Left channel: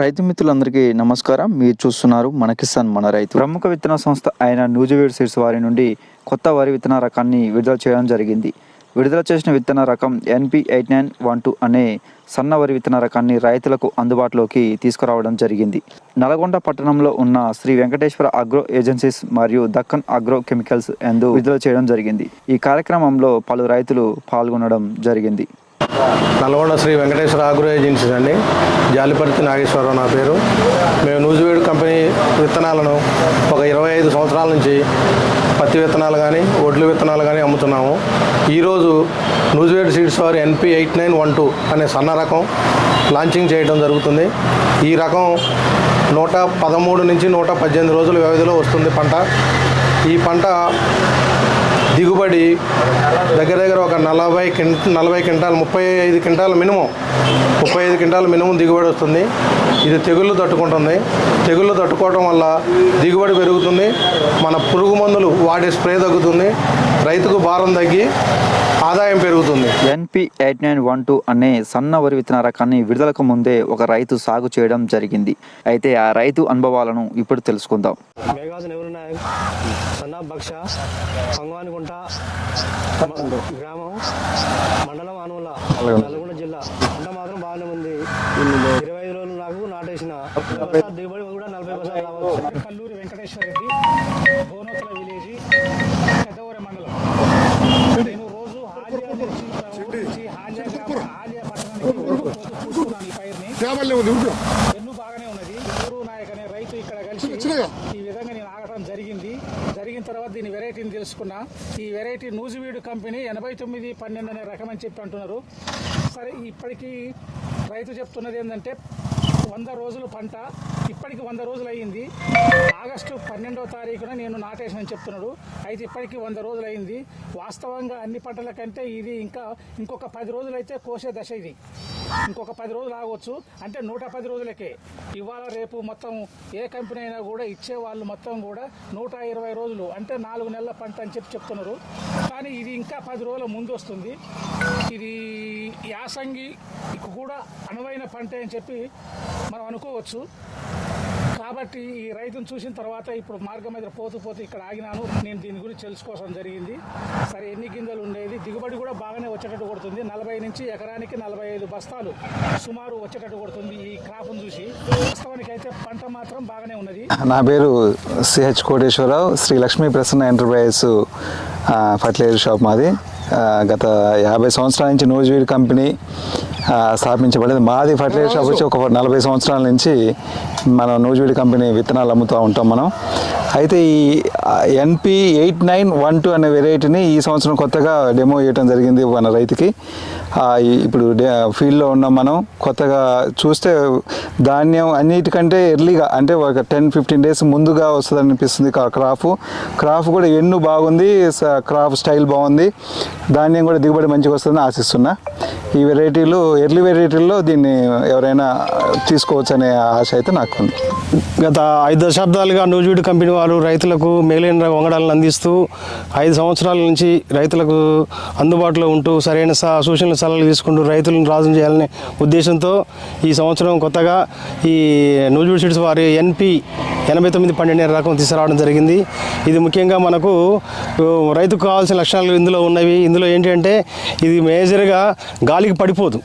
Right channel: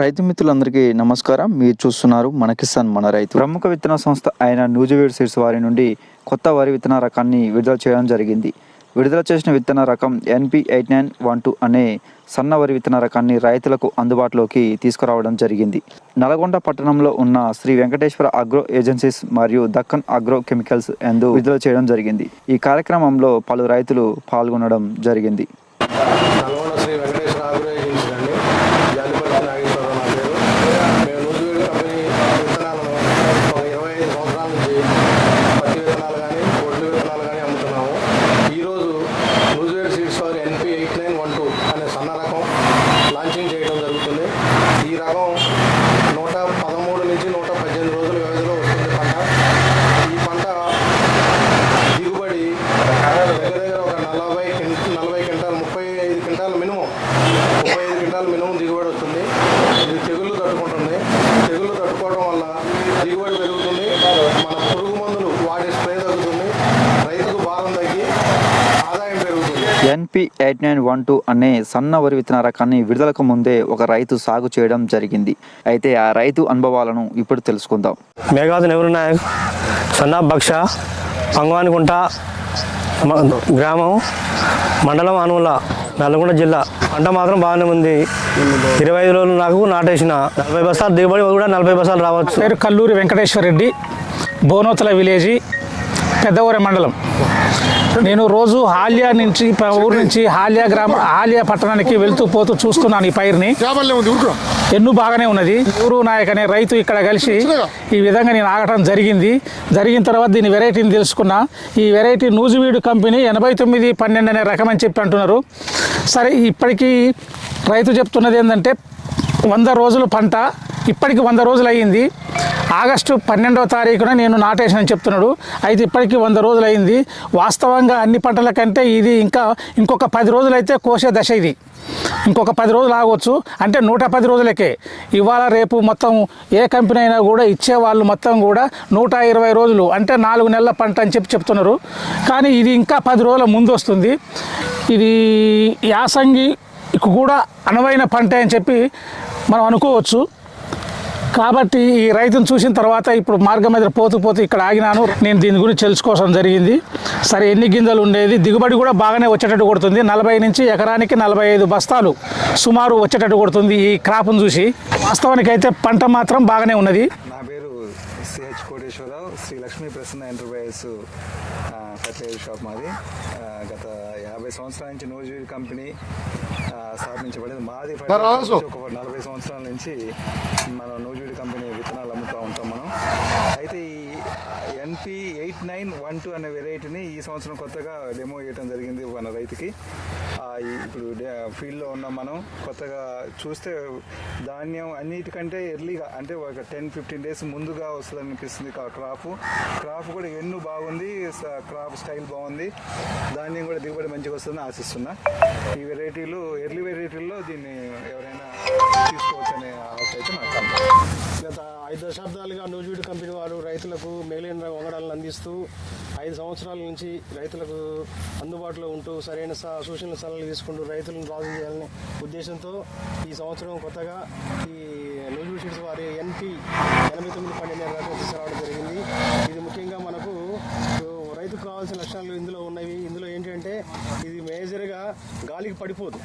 రైతు మిత్రులందరికీ నమస్కారం. మీరు చూస్తున్నారు మన కిసాన్ మన రైతు. ప్రముఖ విత్తన సంస్థ అయిన న్యూజివేడ్ సీడ్స్ వారి నుండి కొత్త వరి విత్తన రకాన్ని విడుదల చేయడం జరిగింది. విడుదల చేసిన విత్తన రకం NP eight nine one two అనే సన్న వరి విత్తన రకాన్ని రైతులకు అందుబాటులోకి తీసుకురావడం జరిగింది. నల్గొండ పట్టణంలో ఉన్న శ్రీ వెంకటేశ్వర అగ్రో ఏజెన్సీస్ మరియు దక్కన్ అగ్రో కెమికల్స్ ఎందు విడుదల చేయడం జరిగింది. ఈ కార్యక్రమంలో పలు రైతులు పాల్గొనడం జరిగింది. నల్గొండ శ్రీ వెంకటేశ్వర ఆగ్రో ఏజెన్సీస్ అండి జాలిపర్తి నాగేశ్వరరావు నా పేరు మేము న్యూజివేడ్ కంపెనీ విత్తనాలను ఒక ఇరవై ఐదు సంవత్సరాల నుంచి పత్తి విత్తనాలు కానీ ఒడ్లు విత్తనాలు కానీ అమ్ముతున్నాము ఈరోజు న్యూజివేడ్ సీడ్స్ వారి NP eight nine one two అనే సన్న రకం లాంచింగ్ చేయడం జరుగుతుంది. ఈ రకం నూట పదమూడు నుంచి నూట పద్దెనిమిది రోజుల వ్యవధిలో వస్తుంది పంట. ఈ పంట దిగుబడి దగ్గర దగ్గర ఒక నలభై కిం నలభై క్వింటాల్ ముప్పై ఐదు క్వింటాల్ మినిమం ముప్పై ఐదు క్వింటాల్ మినిమం దిగుబడి వస్తుంది. ఇది తెగుళ్ళు తట్టుకుంటుంది. తెగుళ్ళు తట్టుకోవడం వల్ల దిగుబడి పెరుగుతుంది. మన పురుగు మందులు వాడే స్ప్రే తగ్గుతుంది. రైతుకు భారం తగ్గి NP eight nine one two అనే సన్న వరి విత్తన రకాన్ని విడుదలకు ముందే ఒక రైతు సాగు చేయడం జరిగింది. అయితే ఆ రైతు అనుభవాలను ఇప్పుడు తెలుసుకుందాం. మేఘావతి నెహ్రూ నాయక్ సన్నా బక్ష పంగవానికుంట గ్రామం మండలం అనువుల నల్గొండ జిల్లా. పంట మాత్రం బాగానే ఉంది. ఇరవై ఐదు రోజులు నాకు నాటేసిన నలభై బస్తాలు దిగుబడి కూడా నలభై బస్తాలు రావచ్చు. పేరు కల్లూరి వెంకటేశ్వర రెడ్డి బోనోతల విలేజీ పెద్దవరం మండలం. నేను రోజు హాలియా నుంచి ఊరు నుంచి హాలియా గ్రామ హాలియా పట్టణానికి వెళ్తూ పోతూ చూస్తున్నాను ఈ పైరుని. ఎన్ను బాగానే ఉన్నది. ఊరు నాయక్ అనే రైతు ఇక్కడ కలిసి ఈ విధంగా నేను ఆగటం జరిగింది. జరిగిన తర్వాత దీని వెరైటీని తెలుసుకున్నా. ఈ వెరైటీ నూజివీడు కంపెనీ ఎనభై తొమ్మిది పన్నెండు అనే రకం అని చెప్పి అంటున్నారు. సరే ఇప్పటికీ రైతు చెప్తున్నది ఏంటంటే వంద రోజుల పంట ఇప్పటికి వంద రోజులు అయ్యింది ఆగస్టు పన్నెండవ తారీఖున నేను నాటేసానని చెప్తున్నాడు. అయితే ఇప్పటికీ వంద రోజులు అయింది వాస్తవంగా అన్ని పంటల కంటే ఇది ఇంకా ఇంకొక పది రోజులు అయితే కోసే దశ ఇది. ఇంకొక పది రోజులు ఆగవచ్చు అంటే నూట పది రోజులకే. ఇవాళ రేపు మొత్తం ఏ కంపెనీ అయినా కూడా ఇచ్చే వాళ్ళు మొత్తం కూడా నూట ఇరవై రోజులు అంటే నాలుగు నెలల పంట అని చెప్పి చెప్తున్నారు. కానీ ఇది ఇంకా పది రోజుల ముందు వస్తుంది. ఇది యాసంగి కూడా అనువైన పంట అని చెప్పి మనం అనుకోవచ్చు. కాబట్టి ఈ రైతును చూసిన తర్వాత ఇప్పుడు మార్గం మీద పోతూ పోతూ ఇక్కడ ఆగినాను. నేను దీని గురించి తెలుసుకోవడం జరిగింది. సరే ఎన్ని గింజలు ఉండేది? దిగుబడి కూడా బాగానే వచ్చేటట్టు కొడుతుంది. నలభై నుంచి ఎకరానికి నలభై ఐదు బస్తాలు సుమారు వచ్చేటట్టు కొడుతుంది ఈ క్రాప్ను చూసి. వాస్తవానికి అయితే పంట మాత్రం బాగానే ఉన్నది. నా పేరు CH Koteswara Rao. Sri Lakshmi Prasanna enterprises fertiliser shop మాది. గత యాభై సంవత్సరాల నుంచి నూజివీడ్ కంపెనీ స్థాపించబడింది. మాది ఫర్టిలైజర్ షాప్ వచ్చి ఒక నలభై సంవత్సరాల నుంచి మనం నూజివీడి కంపెనీ విత్తనాలు అమ్ముతూ ఉంటాం మనం. అయితే ఈ NP eight nine one two అనే వెరైటీని ఈ సంవత్సరం కొత్తగా డెమో చేయడం జరిగింది మన రైతుకి. ఇప్పుడు డే- ఫీల్డ్లో ఉన్నాం మనం కొత్తగా చూస్తే ధాన్యం అన్నిటికంటే ఎర్లీగా అంటే ఒక టెన్ ఫిఫ్టీన్ డేస్ ముందుగా వస్తుంది అనిపిస్తుంది క్రాప్. క్రాప్ కూడా ఎన్ను బాగుంది స- క్రాప్ స్టైల్ బాగుంది. ధాన్యం కూడా దిగుబడి మంచిగా వస్తుందని ఆశిస్తున్నా. ఈ వెరైటీలు ఎర్లీ వెరైటీల్లో దీన్ని ఎవరైనా తీసుకోవచ్చు అనే ఆశ అయితే నాకు గత ఐదు దశాబ్దాలుగా న్యూజివీడ్ కంపెనీ వారు రైతులకు మేలైన వంగడాలను అందిస్తూ ఐదు సంవత్సరాల నుంచి రైతులకు అందుబాటులో ఉంటూ సరైన స- సూచనలు సలహాలు తీసుకుంటూ రైతులను రాజు చేయాలనే ఉద్దేశంతో ఈ సంవత్సరం కొత్తగా ఈ న్యూజివీడ్ సీడ్స్ వారి ఎన్పి ఎనభై తొమ్మిది పన్నెండు రకం తీసుకురావడం జరిగింది. ఇది ముఖ్యంగా మనకు రైతుకు కావాల్సిన లక్షణాలు ఇందులో ఉన్నవి. ఇందులో ఏంటంటే ఇది మేజర్గా గాలికి పడిపోదు.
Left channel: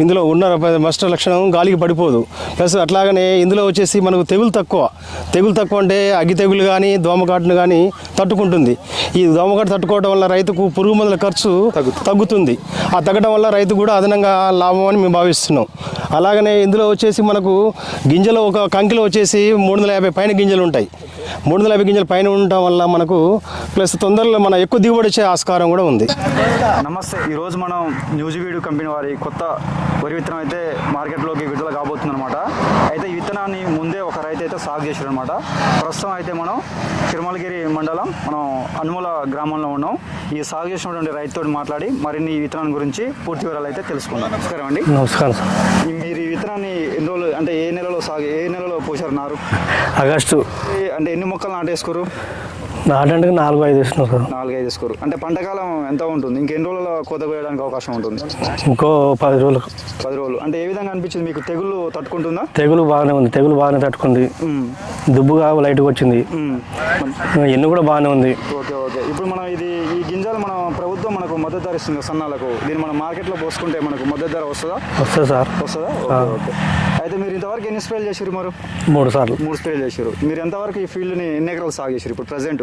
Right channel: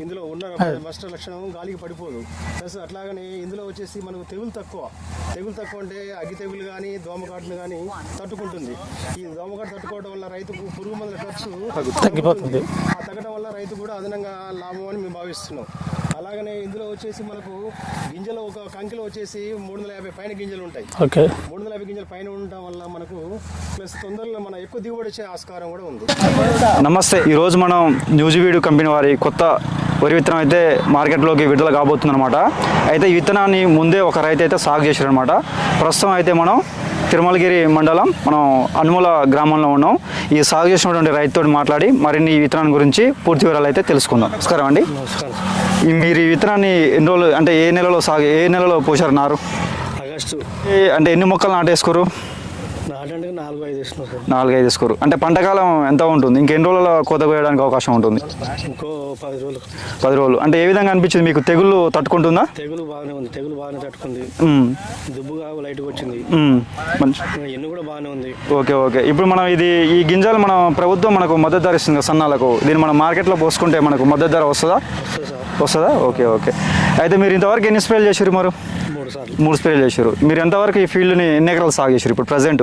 ఇందులో ఉన్న మస్ట్ లక్షణం గాలికి పడిపోదు. ప్లస్ అట్లాగనే ఇందులో వచ్చేసి మనకు తెగులు తక్కువ. తెగులు తక్కువ అంటే అగ్గి తెగులు కానీ దోమకాటును కానీ తట్టుకుంటుంది. ఈ దోమకాటు తట్టుకోవడం వల్ల రైతుకు పురుగు మందుల ఖర్చు తగ్గుతుంది. ఆ తగ్గడం వల్ల రైతు కూడా అదనంగా లాభం అని మేము భావిస్తున్నాం. అలాగనే ఇందులో వచ్చేసి మనకు గింజలు ఒక కంకిలో వచ్చేసి మూడు వందల యాభై పైన గింజలు ఉంటాయి. ఓకే. మూడు వందల యాభై గింజల పైన ఉండటం వల్ల మనకు ప్లస్ తొందరలో మన ఎక్కువ దిగుబడి వచ్చే ఆస్కారం కూడా ఉంది. నమస్తే. ఈరోజు మనం న్యూజివీడు కంపెనీ వారి కొత్త వరి విత్తనం అయితే మార్కెట్లోకి విడుదల కాబోతుంది అనమాట అయితే ఈ విత్తనాన్ని ముందే ఒక రైతు అయితే సాగు చేశారనమాట ప్రస్తుతం అయితే మనం తిరుమలగిరి మండలం మనం అనుమూల గ్రామంలో ఉన్నాం. ఈ సాగు చేసినటువంటి రైతుతో మాట్లాడి మరిన్ని ఈ విత్తనాన్ని గురించి పూర్తి వివరాలు అయితే తెలుసుకుందాం. నమస్కారం అండి. నమస్కారం. మీరు ఈ విత్తనాన్ని ఎన్ని రోజులు అంటే ఏ నెలలో సాగు ఏ నెలలో పోసారు నారు? ఆగస్టు. ఏ- అంటే ఎన్ని మొక్కలు నాటేసుకోరు? నాటంటే నాలుగు ఐదు ఇస్తున్నాం సార్. నాలుగైదు స్కోరు అంటే పంటకాలం ఎంత ఉంటుంది? ఇంకెన్ని రోజుల కోత కోయడానికి అవకాశం ఉంటుంది? ఇంకో పది రోజులకు పది రోజులు. అంటే ఏ విధంగా అనిపించింది? మీకు తెగుళ్ళు తట్టుకుంటుందా? తెగులు బాగానే ఉంది. తెగులు బాగానే తట్టుకుంది. దుబ్బుగా లైట్గా వచ్చింది ఎన్ను కూడా బాగానే ఉంది. Okay okay. ఇప్పుడు మనం ఇది ఈ గింజలు మనం ప్రభుత్వం మనకు మద్దతు ధర ఇస్తుంది సన్నాలకు. దీన్ని మనం మార్కెట్లో పోసుకుంటే మనకు మద్దతు ధర వస్తుందా? వస్తుంది సార్. వస్తుందా? Okay okay. అయితే మీరు ఇంతవరకు ఎన్ని స్ప్రేలు చేసారు మరి? మూడు సార్లు. మూడు స్ప్రేలు చేశారు మీరు ఎంతవరకు ఈ ఫీల్డ్ని ఎన్ని ఎకరాలు సాగు చేశారు ఇప్పుడు ప్రజెంట్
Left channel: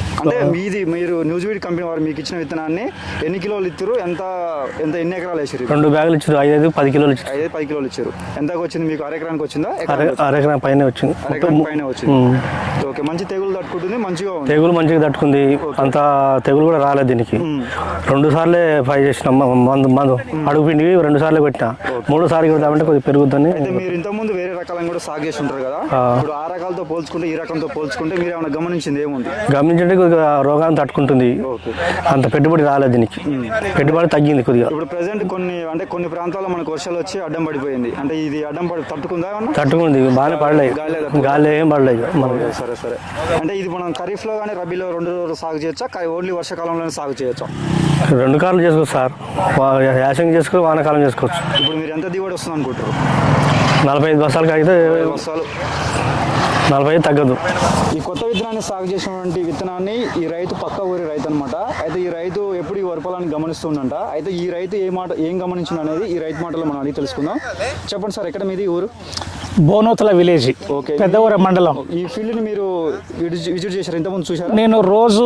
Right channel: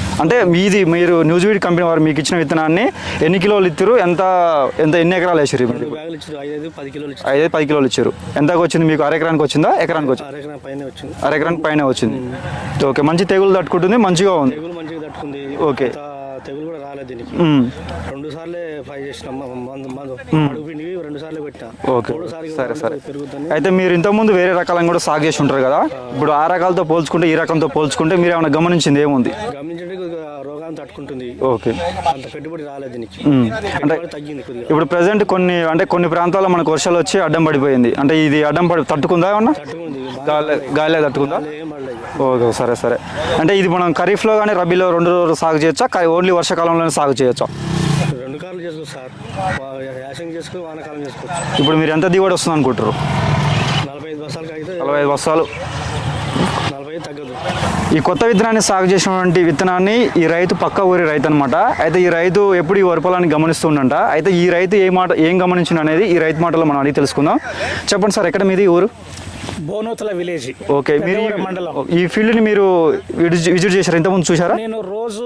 అంటే మీది మీరు న్యూజివీడ్ కంపెనీ వారు మీకు ఇచ్చిన విత్తనాన్ని ఎన్ని కిలోలు ఇచ్చారు ఎంత ఎంత ఎన్ని ఎకరాలు వేసారు? రెండు బ్యాగులు ఇచ్చారు. ఐదు పది కిలోలు ఇచ్చారు. ఐదు పది కిలోలు ఇచ్చారు. ఎంతకు వచ్చింది మీకు? అరెకరానికి వచ్చిందా? ఎకరానికి వచ్చింది? అరెకరం పైన వచ్చింది. అరెకరం పైన వచ్చింది. ఓకే మంచి తెగులు తట్టుకుంటుంది మంచిగా ఉంది. తెగులు మంచిగా తట్టుకుంది. అంత తెగులు కూడా రాలేదు దీనికి. రెండు సార్లే ఫై చేసిన మందు మందు. అడుగు పిండి రెండు సార్లు పెట్టిన మూడో సారి కొట్టామంటే కొద్దిగా పెరుగుతుంది. అయితే మీరు ఇంతకుముందు వేరే రకాలను కూడా సాగు చేసి ఉంటారు కదా. ఇప్పుడు ఆ రకాలతో పోల్చుకుంటే ఈ రకంతో పోల్చుకుంటే మీరు ఏమైనా గమనించింది ఏముంది? గమనించండి కొద్దిగా రోగాన్ని తట్టుకుంటుంది. ఓకే. అంత పెట్టుబడి రాలేదు దీనికి. పెట్టుబడి తగ్గింది కొద్దిగా. ఇప్పుడు ప్రజెంట్ కొన్ని అంటే కొన్ని ప్రాంతాల్లో మనకు వర్షాలు వచ్చి అడ్డం పడిపోయింది. అంటే ఇది అడ్డం పడి తట్టుకుందా ఏమన్నా? తట్టుకుంది. బాగా గాలి- పడలేదు. గాలి? గాలి ఏం పడలేదు. ఓకే సరే సరే. అంటే ఇది మనం ఖరీఫ్లో కానీ రబీలో రెండు రోజులు సాగు చేయొచ్చా? ఓన్లీ వర్షాకాలంలోనే సాగు చేయొచ్చా? రెండు కాలం చేసుకోవచ్చు సార్. యాసంగి చేసుకోవచ్చు వానాకాలం చేసుకోవచ్చు. ఇప్పుడు మీరు ఎంత దిగుబడి వస్తుంది అనుకుంటారు నలభై ఐదు బస్సాలకి అయితే ఇరవై ఐదు బస్తాలు. నలభై ఐదు తగ్గదు. ఈ కొత్త విత్తనాన్ని సాగు చేసినటువంటి విత్తనాన్ని ఈ రైతు పక్క ఊరి రైతు అనమాట అయితే ఈ రైతు ఎప్పుడు ఈ వరపలాన్ని గమనిస్తుండంట. అయితే ఈ రైతు ఏ మాట ఏం గమనించిండు అనేది ఈ రైతు మాటలో మనం అడిగి తెలుసుకుందాం. చెప్పండి సార్ ఎక్కడ మీది ఊరు? బోనోతల విలేజ్ ఓకే పెద్దవరం మండలం. ఈ ఫీల్డ్ని మీరు విజిట్ చేశారు? ఇంతకుముందు చూసారా నేను రోజు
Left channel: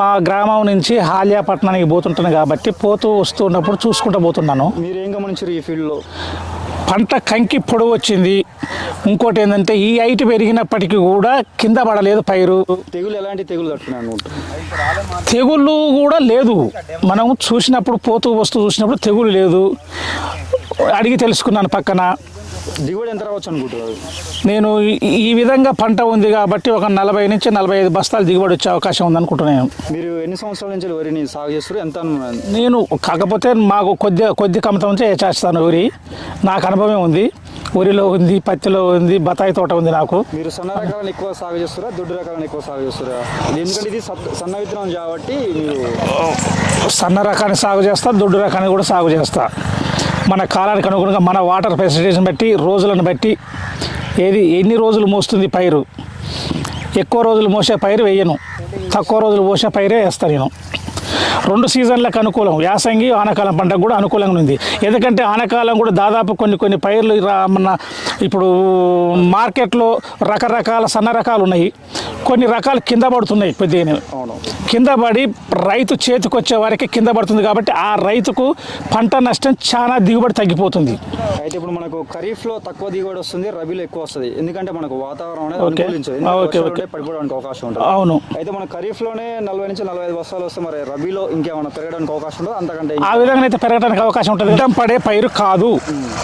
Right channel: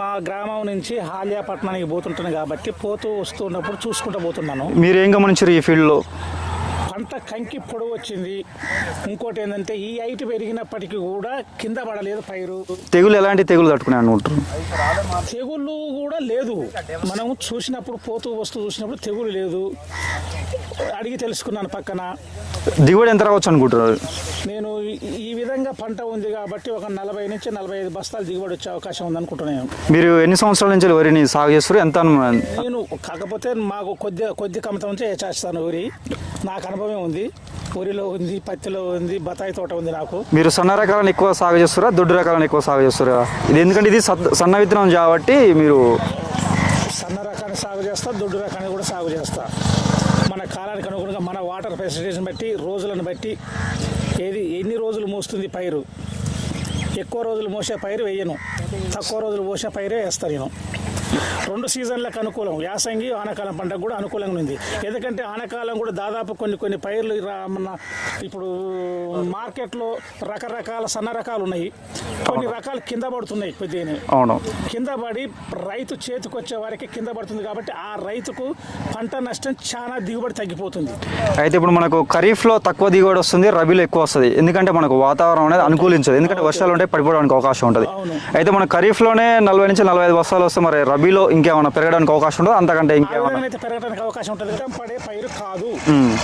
మా గ్రామం నుంచి హాలియా పట్టణానికి పోతుంటాను కాబట్టి పోతూ వస్తున్నప్పుడు చూసుకుంటూ పోతున్నాను. మీరు ఏం గమనించారు ఈ ఫీల్డ్లో? పంట కంకి పొడవు వచ్చింది. ఇంకోటి ఏంటంటే ఈ హైట్ పెరిగినప్పటికీ కూడా కింద పడలేదు పైరు. తెగులు ఎలాంటి తెగులు తట్టుకునే అనుకుంటున్నారు తెగుళ్ళు కూడా లేదు. మనం చూసినప్పుడు పోతూ వస్తూ చూసినప్పుడు తెగులు లేదు. అడిగి తెలుసుకున్నాను పక్కన. దిగుబడి ఎంత రావచ్చు అనుకుంటున్నారు? నేను ఈ- విధంగా పంట ఉంది కాబట్టి ఒక నలభై నుంచి నలభై ఐదు బస్తాలు దిగుబడి వచ్చే అవకాశం ఉంది అనుకుంటున్నాను. మీరు ఎన్ని సంవత్సరాల నుంచి వరిని సాగు చేస్తారు? ఎంత నేను కాకపోతే మాకు కొద్ది కొద్ది కమతం నుంచే చేస్తాను ఊరి నాకు అనుభవం ఉంది. ఊరిలో ఉంది పత్తిలో ఉంది బత్తాయి తోట ఉంది నాకు. మీరు సన్న రకాలను ఎక్కువ సాగు చేస్తారా? దొడ్డు రకాలను ఎక్కువ సాగు చేస్తారా? ఎందుకంటే ఇది సన్న విత్తనం కాబట్టి మీరు సన్న రకాన్ని సాగు చేస్తా దొడ్డు రకాన్ని కూడా సాగు చేస్తా. మన కాలానికి అనుగుణంగా మన వాటర్ ఫెసిలిటీస్ని బట్టి రోజులను బట్టి ఏది ఎన్ని రోజులు మోస్తుంది పైరు? ఎక్కువ రోజులు మోసే పైరు వేయను. తక్కువ రోజులు మోసే పైరే వేస్తాను నేను. రెండు సీజన్లకు అనుకూలం. యాసంగి ఆనకాలం పంటకు కూడా అనుకూలంగా ఉంది. ఎందుకంటే ఆనకాలం కూడా దాదాపు కొన్ని కొన్ని పైర్లు మన ఇప్పుడు మార్కెట్లో రకరకాల సన్న రకాలు ఉన్నాయి. కొన్ని రకాలు కింద పడుతున్నాయి కొద్దిగా అవును. కింద పడి రైతు చేతికి వచ్చే వారికి కింద పడుతుంది కాబట్టి ఆ రైతుకు పంట నష్టం చాలా దిగుబడి తగ్గిపోతుంది. అయితే ఇప్పుడు మనకు ఖరీఫ్లో తక్కువ దిగుబడి వస్తుంది రబీలో ఎక్కువ వస్తుంది. ఎందుకంటే మనకు వాతావరణం అనేది అనుకూలించదు. ఎందుకంటే వర్షాలు. ఉంటే పడిపోవడానికి అవకాశం ఉంటుంది. అవును. అయితే మన ఖరీఫ్లోనే నలభై నుంచి నలభై ఐదు బస్తాలు వస్తే మరి రబీలో ఇంకేమైనా పెరగడానికి అవకాశం ఉంటుంది? అంతకంటే ఆ? విధంగా అయితే పెరగడానికి అవకాశం ఉంటుంది. అడ్డం పడే పైరు కాదు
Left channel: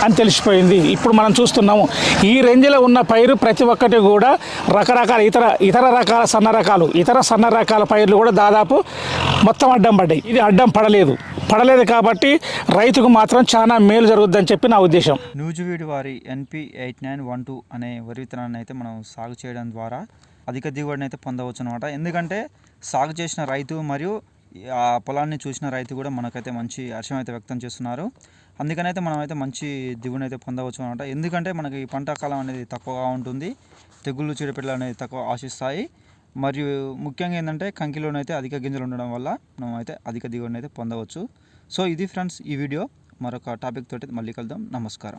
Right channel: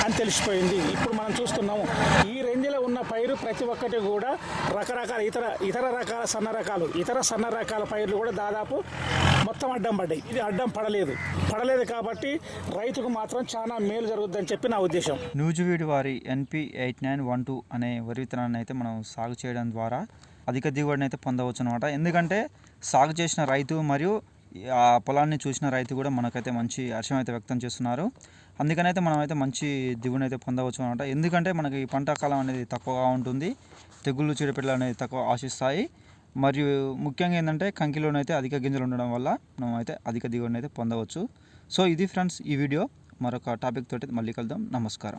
అని తెలిసిపోయింది. ఇప్పుడు మనం చూస్తున్నాము ఈ రేంజ్లో ఉన్న పైరు ప్రతి ఒక్కటి కూడా రకరకాల ఇతర ఇతర రకాల సన్న రకాలు ఇతర సన్న రకాల పైర్లు కూడా దాదాపు మొత్తం అడ్డం పడ్డాయి. ఇది అడ్డం పడలేదు. పడలేదు కాబట్టి రైతుకు మాత్రం చాలా మేలు జరుగుద్దని చెప్పి నా ఉద్దేశం. నూజివీడు వారి NP eight nine one two అనే వరి విత్తనాన్ని అయితే మనం సాగు చేయడం ద్వారా అధిక దిగుబడిని అయితే పొందవచ్చు అనమాట ఎందుకంటే సాగు చేసిన రైతు మరియు ఆ పొలాన్ని చూసిన రైతు కూడా మనకైతే మంచి హర్షం అయితే వ్యక్తం చేస్తున్నారు. అందుకనైతే మనం అయితే మంచి దిగుబడిని అయితే పొందవచ్చు అనమాట ఎందుకంటే మనకి ఈ పంట కాలం అనేది తక్కువగా ఉంటుంది. తెగుళ్ళు చీడపీడలు అనేది తక్కువ ఆశిస్తాయి. మరియు ముఖ్యంగా ఏంటంటే కంకిలోనైతే అధిక గింజలు ఉండడం వల్ల మనం అయితే అధిక దిగుబడిని అయితే పొందవచ్చు. సో ఇది ఫ్రెండ్స్ ఈ వీడియో. మరొక టాపిక్ తోటి మళ్ళీ కలుద్దాం. నమస్కారం.